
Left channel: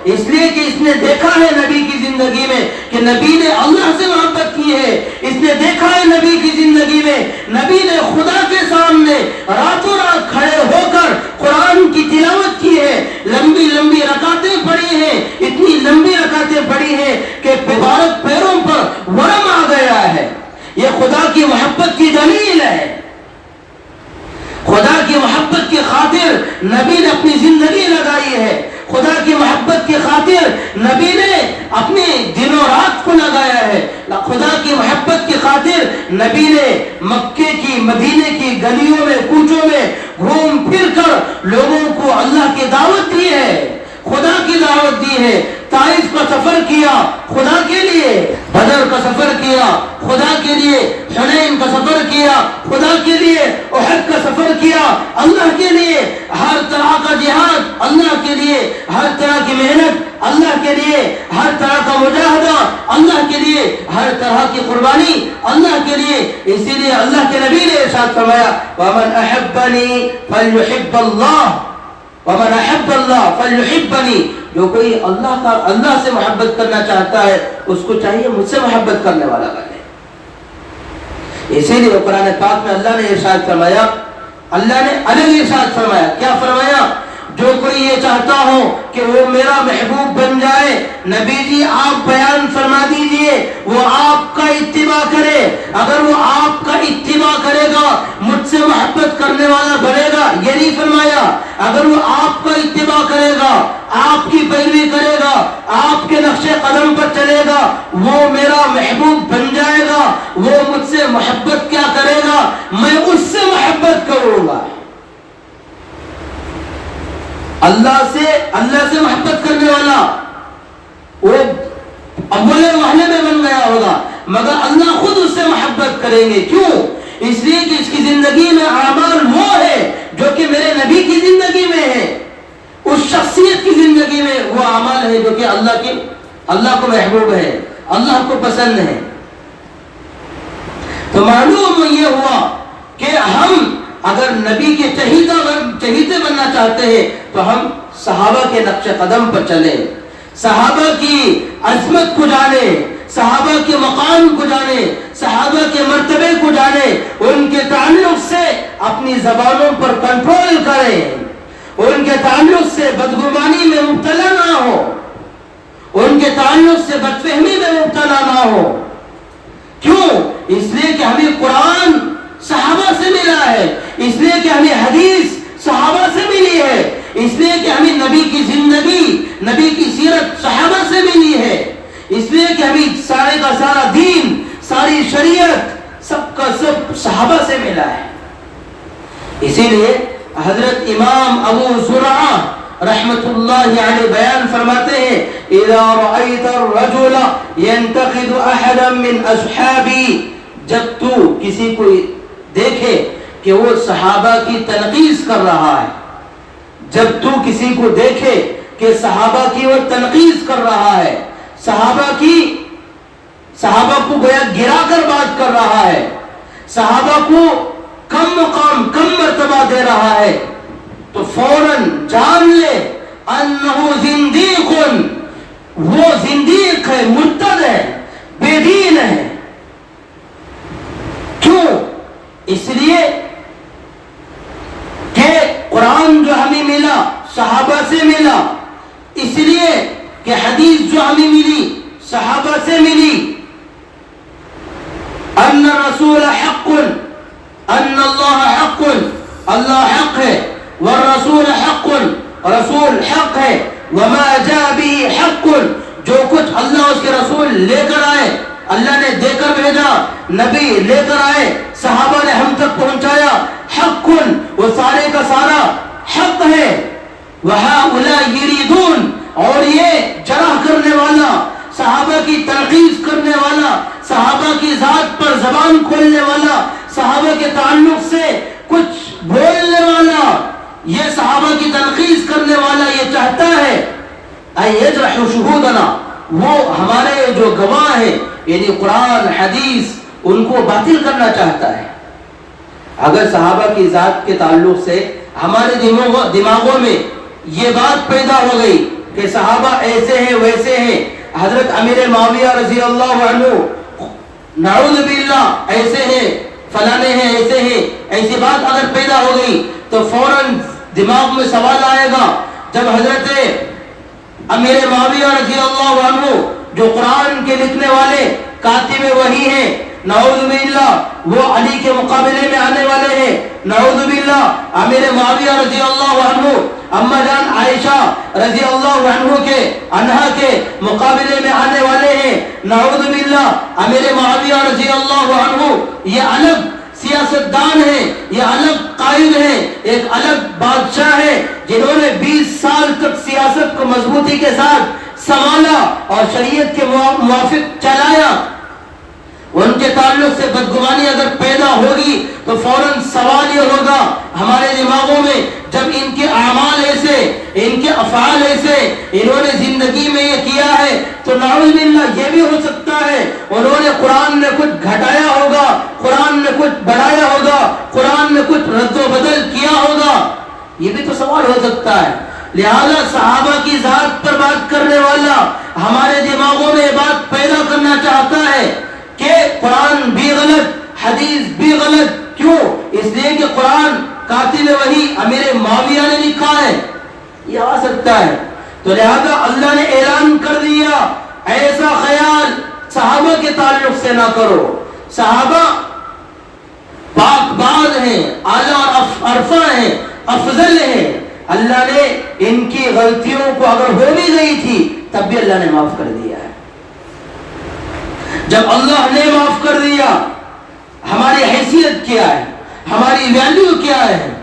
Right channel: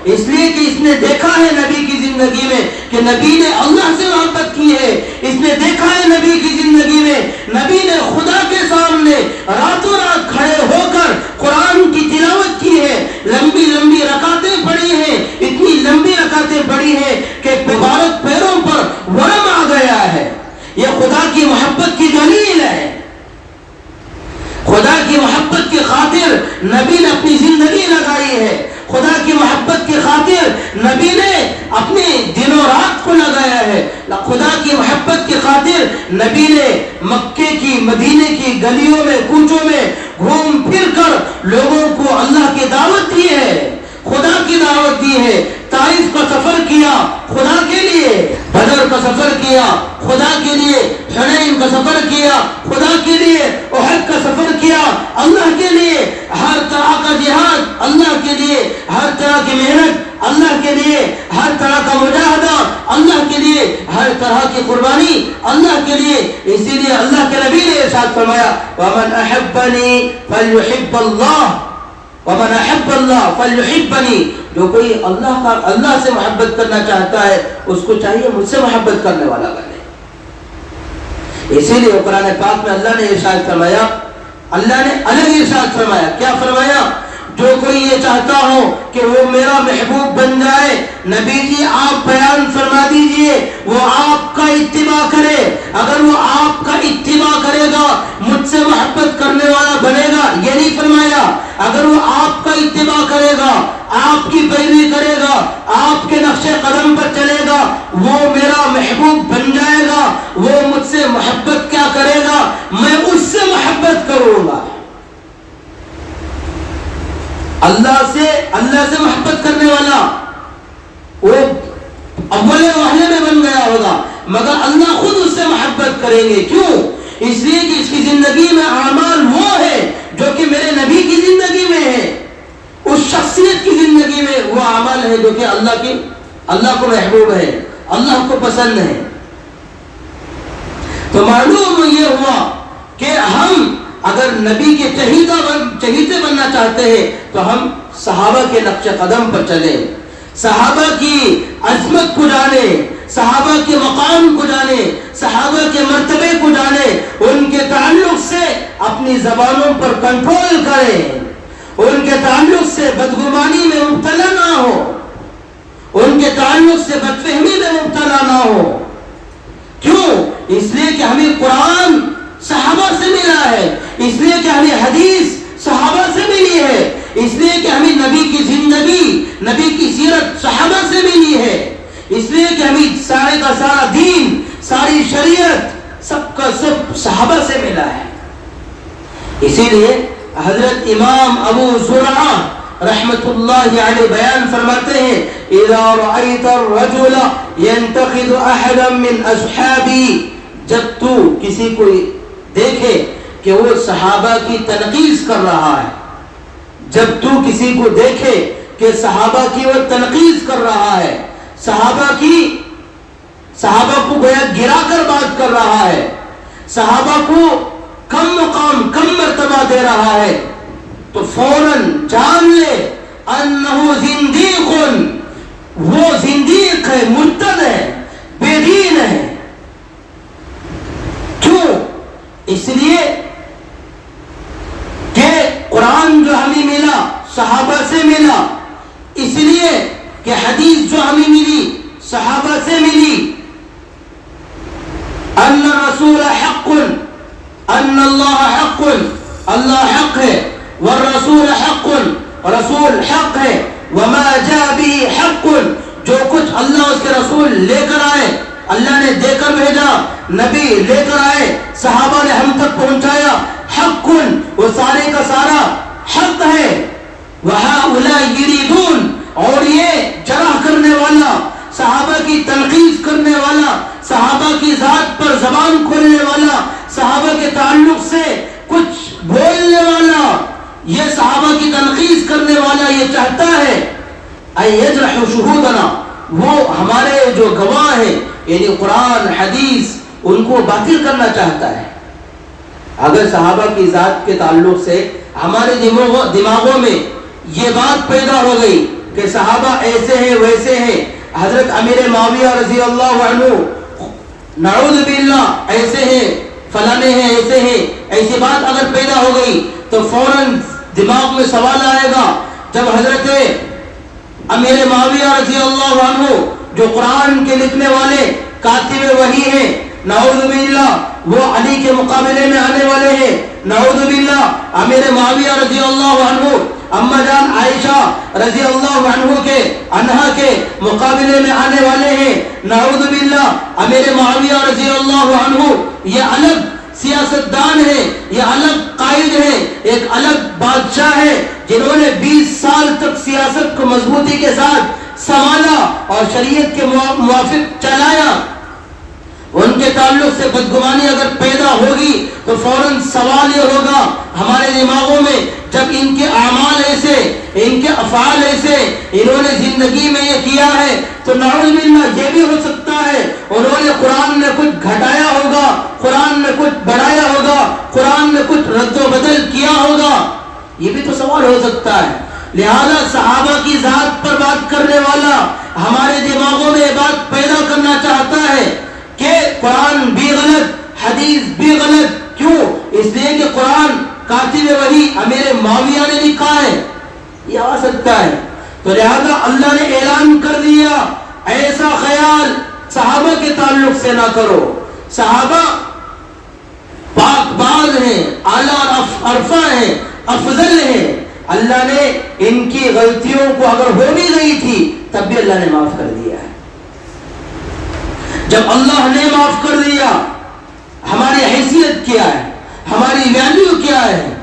اس لیے کہ اس نے دیکھا ہے نبی کی زندگی میں کہ نبی نے اللہ سے محبت کی ہے، اس نے دیکھا ہے نبی کی زندگی میں نبی نے خدا کے سامنے راتوں رات کھڑے ہو کر قرآن کی تلاوت کی ہے، لمبی لمبی رکعتیں پڑھی ہیں، اتنی لمبی رکعتیں پڑھی ہیں کہ مبارک پیروں پر ورم آ گیا ہے۔ یہ خدا کی محبت کی دلیل ہے۔ خدا کی محبت کی خاطر نبی نے اپنی زندگی لگائی ہے، خدا کی محبت کی خاطر نبی نے اپنے دن و رات کو لگایا ہے، خدا کی محبت کی خاطر نبی نے مکے کی مدینے کی گلیوں میں کوچوں میں گھوم پھر کر لوگوں کو اللہ کی دعوت دی ہے، خدا کی دعوت دی ہے۔ طائف کا سفر کیا خدا کے لیے، بدر کا سفر کیا خدا کے لیے، حنین کا سفر کیا خدا کے لیے، احد کا سفر کیا اللہ کے لیے، ہر طرح کا جہاد اللہ کے لیے، ہر طرح کی محنت اللہ کے لیے، ہر طرح کا مجاہدہ اللہ کے لیے، ہر طرح کی قربانی اللہ کے لیے۔ اسی لیے اللہ کے نبی نے ارشاد فرمایا وَمَنْ أَحَبَّنِي فَلْيُحِبَّ اللَّهُ وَمَنْ أَحَبَّ اللَّهَ فَلْيُحِبَّنِي۔ جو کوئی اللہ سے محبت کرنا چاہتا ہے اس کو چاہیے مجھ سے محبت کرنے والا بنے۔ اسی لیے قرآن پاک میں اللہ نے ارشاد فرمایا، اللہ نے الگ ارشاد فرمایا، کیا فرمایا؟ جو کوئی یہ چاہتا ہو کہ وہ میرا محبوب بن جائے، نبی جی آپ بیان فرما دیجئے وہ آپ کا اتباع کرے۔ اگر وہ آپ کا اتباع کرے گا مجھ سے محبت کرنے والا بنے گا، یہ نہیں فرمایا۔ اگر وہ آپ کا اتباع کرے گا، آپ کی پیروی کرے گا، آپ کے نقش قدم پر چلے گا، وہ میرا محبوب بن جائے گا، وہ مجھ سے محبت کیا کرے گا؟ میں اس سے محبت کروں گا۔ اللہ سے محبت کرنے والا وہ اول وہلے میں بن گیا ہوگا، مگر اللہ خود اس سے محبت کریں گے۔ کیوں؟ اس لیے کہ اس کی زندگی میں اعمال وہ ہے جو کہ میرے نبی کی زندگی میں ہے، اس شخصیت کی زندگی میں وہ اعمال ہے جو کہ اللہ کو محبوب ہے، اللہ کو پسند ہے۔ تو معلوم یہ ہوا کہ ہم اگر نبی کے چہیتے بننا چاہتے ہیں تو ہم صحابہ کے نقش قدم پر چلیں، صحابہ کی عظمت کو جانیں، صحابہ کے مقام کو جانیں، صحابہ کے مرتبے کو جانیں، ان کے تعلق سے اپنی زبانوں پر کنٹرول کریں، ان کے تعلق سے بدگمانی میں مبتلا نہ ہو، ان کے تعلق سے بدفہمی میں مبتلا نہ ہو۔ کیوں؟ اس لیے کہ ہمیں قرآن صحابہ سے ملا ہے، اس لیے کہ ہمیں حدیث صحابہ سے ملی ہے، اس لیے کہ ہمیں نبی کی زندگی، نبی کی سیرت صحابہ سے ملی ہے، اس لیے کہ ہمیں سارے کا سارا دین، ساری شریعت سب کا سب صحابہ سے ملا ہے۔ اسی لیے حضرت امام ابو زرعہ رحمت اللہ علیہ بیان فرماتے ہیں اذا رأيت الرجل ينتقد احدا من اصحابي، جب تو کسی کو دیکھے کہ وہ صحابہ کی تنقیص کر رہا ہے، جب تو کسی کو دیکھے کہ صحابہ کی وہ تنقیص کر رہا ہے، صحابہ کو گویا گرا کر بات کر رہا ہے، صحابہ کو کم مقام کم مرتبہ دے رہا ہے، تو فوراً جان لے انہو زندیق، وہ زندیق ہے، مرتد ہے، بے دین ہے۔ کیوں؟ اس لیے کہ قرآن جو ہمیں ملا صحابہ سے ملا، اس لیے کہ حدیث جو ہمیں ملی صحابہ سے ملی، ان الرسول حق، ان اللہ حق، اللہ حق ہے، والرسول حق، رسول حق ہے، وما جاء به حق، جو کچھ اللہ اس کے رسول لے کر آئے، اللہ نے دے کر بھیجا، نبی لے کر آئے، صحابہ نے ہم تک پہنچایا، حق، وہ سارے کا سارا حق ہے۔ وَهَؤُلَاءِ يُرِيدُونَ، اور یہ جرح کرنے والا، صحابہ کی تنقیص کرنے والا، صحابہ کی ذات پر زبان کھولنے والا، صحابہ کے تعلق سے کچھ بولنے والا، یہ صحابہ کی تنقیص کرنے والا یہ چاہتا ہے اَن يَجْرَحُ شُهُودَنَا، وہ ہمارے جو گواہ ہیں یعنی قرآن حدیث ان کو باطل کرنا چاہتا ہے۔ اگر صحابہ کی ذات کے تعلق سے ہمارے دماغوں میں یہ بات پیدا ہو گئی کہ صحابہ ایسے ہیں ویسے ہیں، حضرت امیر معاویہ رضی اللہ عنہ نعوذ باللہ ایسے ہیں فلانے ہیں ایسے ہیں، ایسی بات اگر پیدا ہو گئی تو فوراً دماغ میں سوال آئے گا، جب حضرت امیر معاویہ رضی اللہ عنہ جو قرآن کے لکھنے والے کاتب وحی ہیں، نعوذ باللہ وہ علی کے مقابلے میں آنے والے ہیں، نعوذ باللہ امیر معاویہ رضی اللہ عنہ اما جان عائشہ رضی اللہ عنہا کے مقابلے میں آنے والے ہیں، نعوذ باللہ امیر معاویہ رضی اللہ عنہ یہ الگ سیاستدان ہیں، یہ الگ قائد ہیں، ایک الگ بادشاہ ہے جنہوں نے 20 سال تک سیاست کو مضبوطی کے ساتھ سنبھالا اور شریعت کے موافق چلایا۔ ان کے تعلق سے بدگمانی اگر پیدا ہوگی تو فوراً سوال یہ ہوگا ہمارے دماغوں میں، جب ان کے اعمال ایسے، ان کے افعال ایسے، انہوں نے زندگی میں یہ کیا ہے تو نعوذ باللہ یہ بھی ہو سکتا ہے انہوں نے قرآن میں کچھ گھٹایا ہوگا، قرآن میں کچھ بڑھایا ہوگا، قرآن میں کچھ رد و بدل کیا ہوگا، یہ بھی تو سوال ہو سکتا ہے۔ لہذا صحابہ کی ذات پر بات کرنے والا ہمارے دماغوں میں یہ بات پیدا کرنا چاہتا ہے کہ قرآن بھی غلط، حدیث بھی غلط، کیوں؟ اس لیے کہ قرآن کاتب وحی امیر معاویہ نے لکھا ہے، یہ آ سکتا ہے۔ تو لہذا اللہ نے اعلان کر دیا ایسا خیال صحابہ کے تعلق سے نہ کرو، صحابہ پاک باز ہیں، اعلیٰ عرفہ ہیں، افضل ہیں، اللہ نے ان کی غلطیوں کو اگر ہو بھی گئی تھی تب بھی اللہ نے معاف کر دیا ہے۔ جب اللہ نے معاف کر دیا، ہماری حیثیت کیا ہے، ہماری ویلیو کیا ہے؟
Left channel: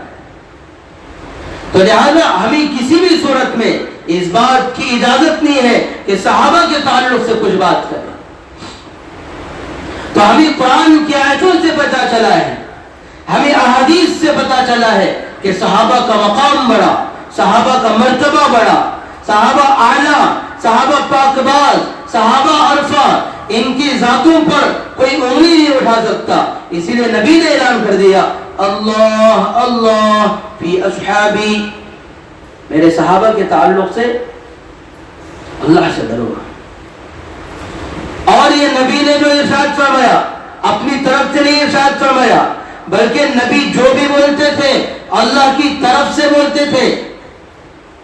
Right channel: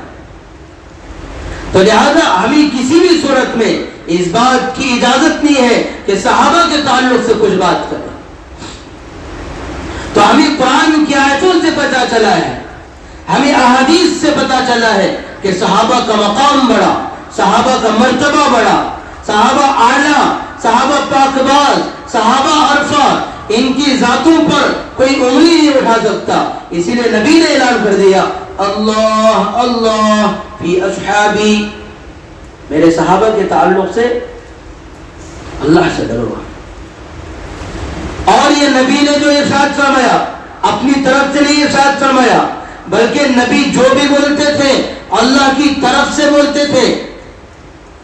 تو لہذا ہمیں کسی بھی صورت میں اس بات کی اجازت نہیں ہے کہ صحابہ کے تعلق سے کچھ بات کریں۔ تو ہمیں قرآن کی آیتوں سے پتا چلا ہے، ہمیں احادیث سے پتا چلا ہے کہ صحابہ کا مقام بڑا، صحابہ کا مرتبہ بڑا، صحابہ اعلیٰ، صحابہ پاک باز، صحابہ عرفہ، ان کی ذاتوں پر کوئی انگلی نہیں اٹھا سکتا۔ اسی لیے نبی نے اعلان کر دیا اللہ اللہ فی اصحابی، میرے صحابہ کے تعلق سے اللہ سے ڈرو۔ اور یہ نبی نے جو ارشاد فرمایا اپنی طرف سے نہیں ارشاد فرمایا، بلکہ نبی جو بھی بولتے تھے اللہ کی طرف سے بولتے تھے،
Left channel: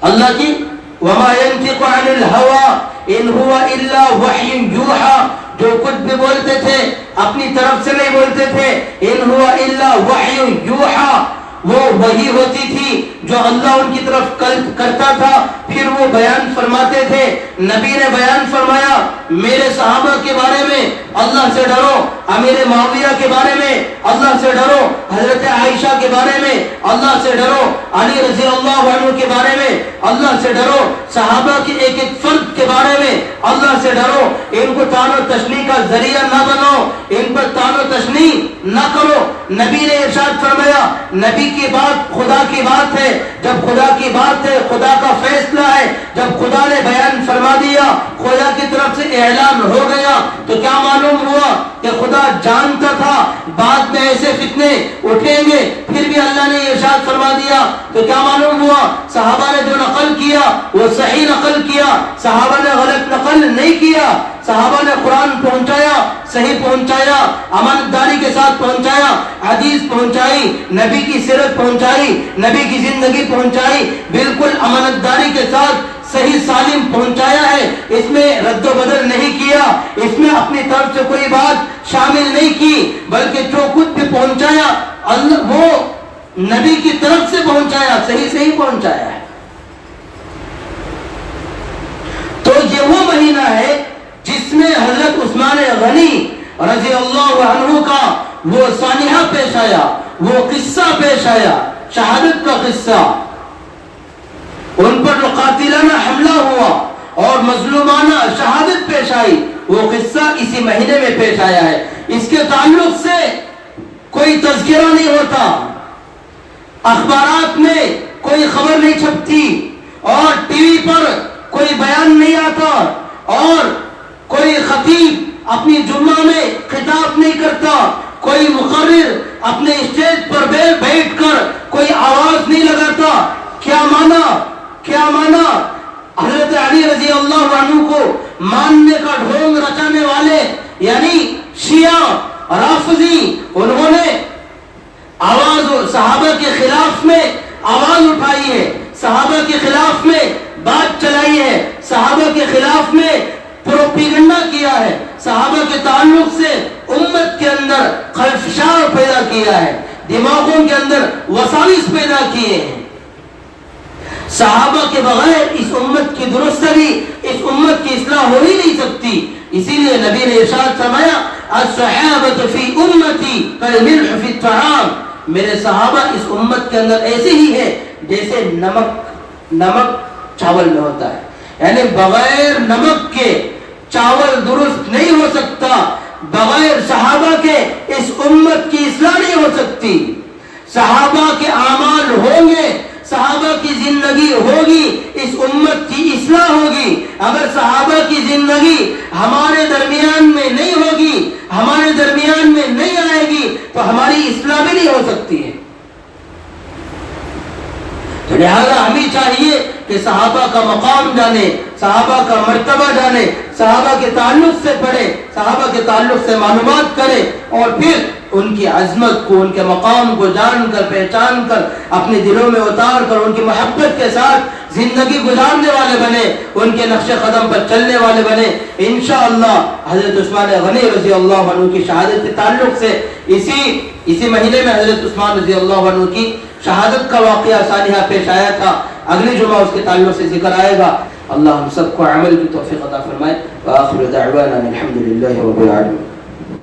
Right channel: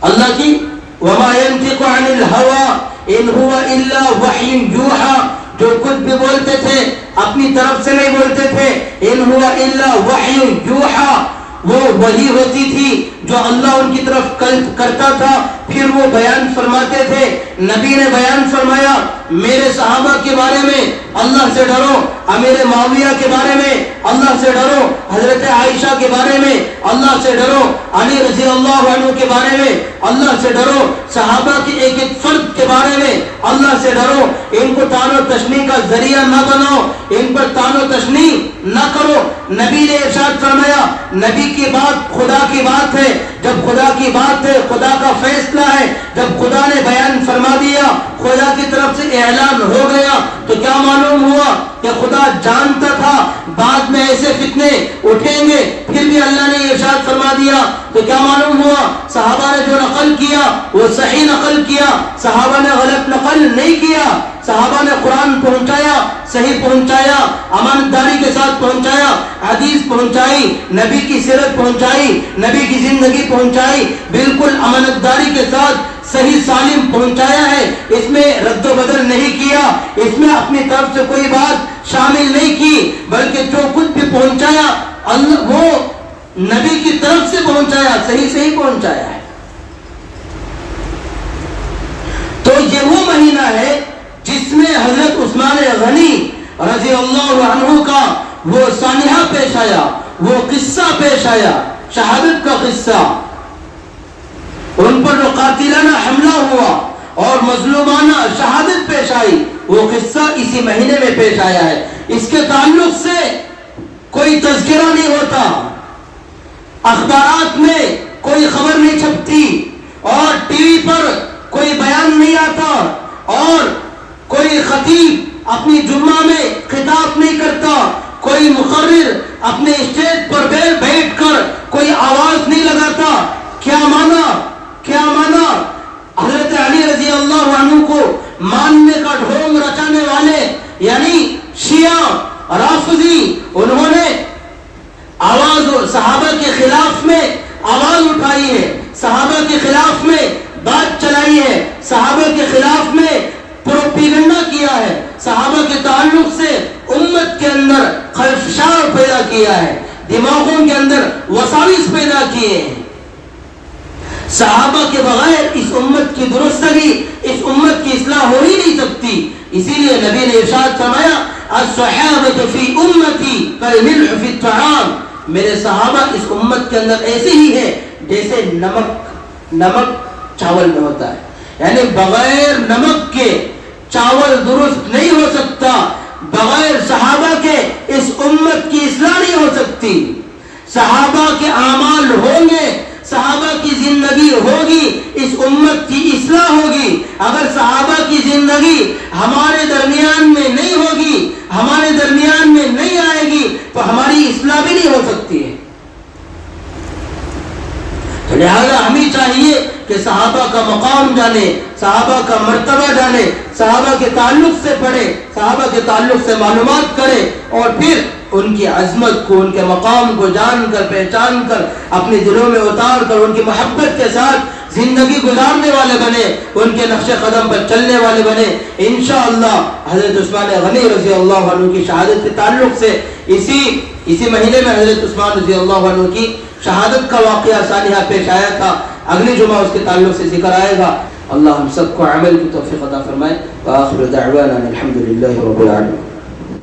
اللہ کی وما ينطق عن الهوى ان هو الا وحی یوحى، جو کچھ بھی بولتے تھے اپنی طرف سے نہیں بولتے تھے، ان هو الا وحی یوحى، وہ وحی ہوتی تھی جو اللہ ان کی طرف کرتا تھا، پھر وہ بیان فرماتے تھے۔ نبی نے بیان فرمایا میرے صحابہ کے بارے میں اللہ سے ڈرو، امیر معاویہ کے بارے میں اللہ سے ڈرو، حضرت عائشہ کے بارے میں اللہ سے ڈرو، علی رضی اللہ عنہ کے بارے میں اللہ سے ڈرو، صحابہ کے ایک ایک فرد کے بارے میں اللہ سے ڈرو، ان کو تان و تشنیع کا ذریعہ نہ بناؤ، ان پر تان و تشنیع نہ کرو۔ نبی نے ارشاد فرمایا نبی کی بات خدا کی بات ہے، جب خدا کی بات ہے خدا کا فیصلہ ہے، جب خدا نے بیان فرما دیا، خدا کی طرف سے اعلان ہو گیا، تو کیا معلوم ہوا کہ خدا جانتا تھا بعد میں ایسے فتنے اٹھیں گے، پھر بھی اللہ نے ارشاد فرما دیا، تو کیا معلوم ہوا صحابہ نے جو نقل کیا وہ صحیح نقل کیا، صحابہ نے غلط نقل نہیں کیا، صحابہ نے قرآن پہنچایا، صحیح پہنچایا، امانتداری کے ساتھ پہنچایا، حدیث پہنچائی، نبی کی سیرت پہنچائی، نبی کی زندگی پہنچائی، بالکل امانتداری کے ساتھ صحیح سالم پہنچایا ہے، اس میں رد و بدل نہیں کیا، اس میں اپنی طرف سے کوئی بات شامل نہیں کی، بلکہ جو کچھ بھی پہنچایا اللہ وہ نبی کی طرف سے پہنچایا، صحیح صحیح پہنچایا ہے۔ تو یہ وہ مہینہ ہے جس میں حضرت عثمان غنی رضی اللہ عنہ کا وہ سانحہ پیش آیا، وہ قصہ پیش آیا، شہادت کا قصہ، ان پر جو قاتلانہ حملہ ہوا اور مظلومانہ شہادت پیش آئی، وہ قصہ اسی مہینے میں پیش آیا ہے۔ اس کے تعلق سے کوئی تذکرہ نہیں ہوتا، اخبارات میں کوئی خبر نہیں چھپتی، اور ٹی وی پر کوئی بیان نہیں آتا، اور کوئی خطیب اپنی جمعہ میں خطاب نہیں کرتا، کوئی مقرر اپنے اسٹیج پر بیٹھ کر کوئی آواز نہیں لگاتا۔ کیا معنی؟ کیا معنی؟ حضرت علی رضی اللہ عنہ کو ماننے کا ڈھونگ رچانے والے یعنی شیعہ رافضی، انہوں نے آواز صحابہ کے خلاف میں آواز اٹھائی ہے، صحابہ کے خلاف میں بات چلائی ہے، صحابہ کے خلاف میں پروپیگنڈا کیا ہے، صحابہ کے تعلق سے امت کے اندر خلفشار پیدا کیا ہے، دماغوں کے اندر وساوس پیدا کیے ہیں۔ صحابہ کے بغیر اس امت کی درستگی، اس امت کی اصلاح ہو ہی نہیں سکتی۔ اسی لیے نبی نے ارشاد فرمایا الصحابۃ فی امتی کالملح فی الطعام، میرے صحابہ اس امت کے اندر ایسے ہی ہے جیسے نمک چاول میں ہوتا ہے، یعنی بغیر نمک کے چاول درست نہیں ہو سکتا، بغیر صحابہ کے اس امت کی اصلاح نہیں ہو سکتی۔ صحابہ کے اعمال ہوں گے، صحابہ کی زندگی ہوگی، اس امت کی اصلاح ہوگی۔ اگر صحابہ کی زندگی ہمارے درمیان میں نہیں ہوگی، ہمارے درمیان میں نہیں آئے گی، تو ہماری اصلاح بھی نہیں ہو سکتی ہے۔ تو لہذا ہمیں چاہیے کہ صحابہ کا مقام جانے، صحابہ کا مرتبہ جانے، صحابہ کے تعلق سے پڑھے، صحابہ کے تعلق سے معلومات کرے، اور پھر ان کی عظمت کو، ان کے مقام کو جان کر، پہچان کر، اپنے دلوں میں اتار کر ان کی محبت کے ساتھ زندگی گزارنے والے بنے، ان کے نقش قدم پر چلنے والے بنے۔ انشاءاللہ حضرت عثمان غنی رضی اللہ عنہ کی شہادت کے تعلق سے اسی مہینے میں حضرت عثمان رضی اللہ عنہ کی شہادت کا واقعہ سانحہ پیش آیا تھا، اگلے جمعہ اس کے تعلق سے ذکر آئے گا۔ اللہ ہم سب کو عمل کی توفیق عطا فرمائے۔ وآخر دعوانا الحمد للہ رب العالمین۔